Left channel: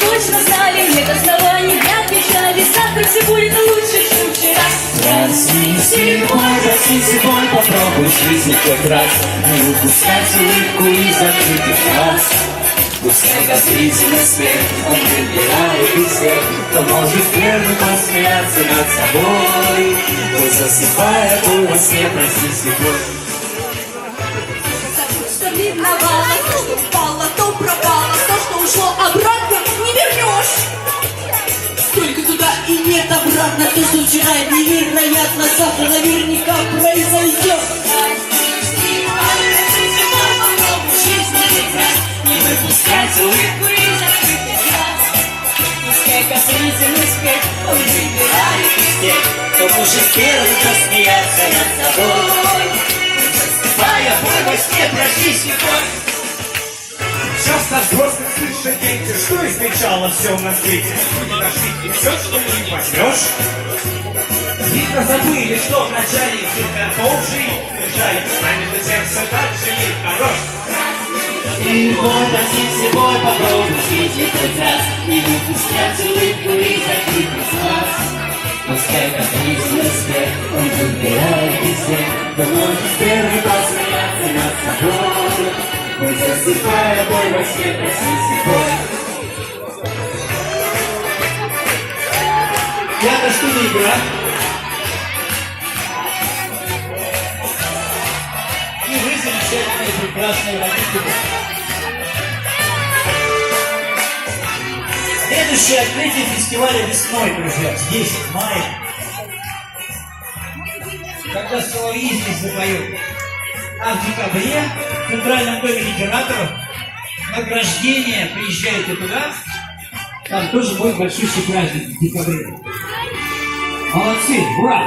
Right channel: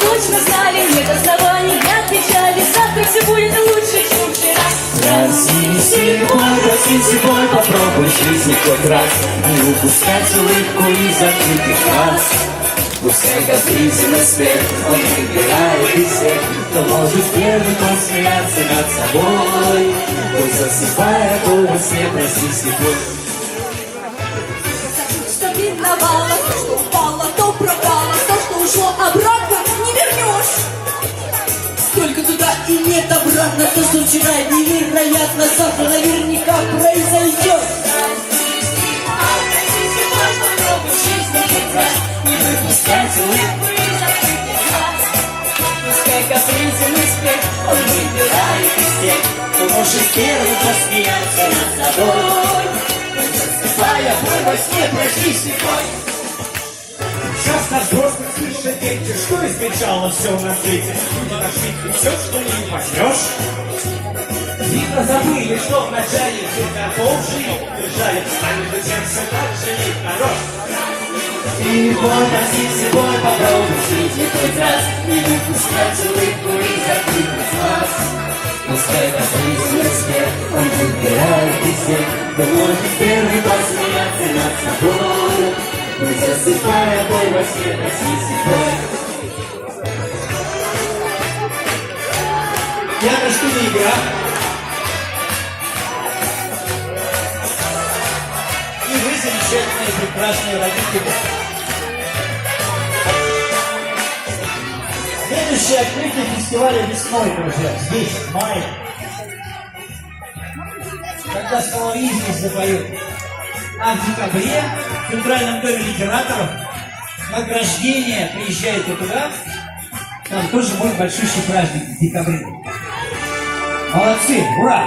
точно знали, нет оснований для печали. Завтра все будет лучше, чем вчера. Проснись, бой, попробуй в жизни хоть раз не упускать улыбку из открытых глаз. Пускай капризный смех, он выбирает из всех, кто может первым посмеяться над собой. Пусть засыпая боль во сне, прости слепой. Что миновало, то, что упало, то пропало, то, что ушло обратно, не вернешь. Только туда и нет обратно, то, что вчера невероятно, завтра наверняка произойдет. Не выпускать улыбку из открытых глаз. Пускай капризный смех, он выбирает из тех, кто может первым посмеяться над собой. Засыпая боль во сне, прости слепой. Часто взрослых слышат дети, что измечало все на свете. Люди нашли и все, что не возьмешь. Видно, забыли, что вначале все готов жить. Держали, а между тем все так же нехорош. И бой, прости, бой, попробуй в жизни хоть раз не выпускать улыбку из открытых глаз. Пускай капризный смех, он выбирает из всех, кто может первый посмеяться над собой. Мы засыпая боль во сне, прости слепой. Яночка Нигра. И вы замечательные, прекрасные родители. Следующее открытие фестиваля весной, друзья, здесь, в мае. Когда соловьи здесь запоют. А в декабре в Центральном доме литераторов награждение, приезжайте туда, там тоже будет большущий праздник в декабре. Молодцы, ура!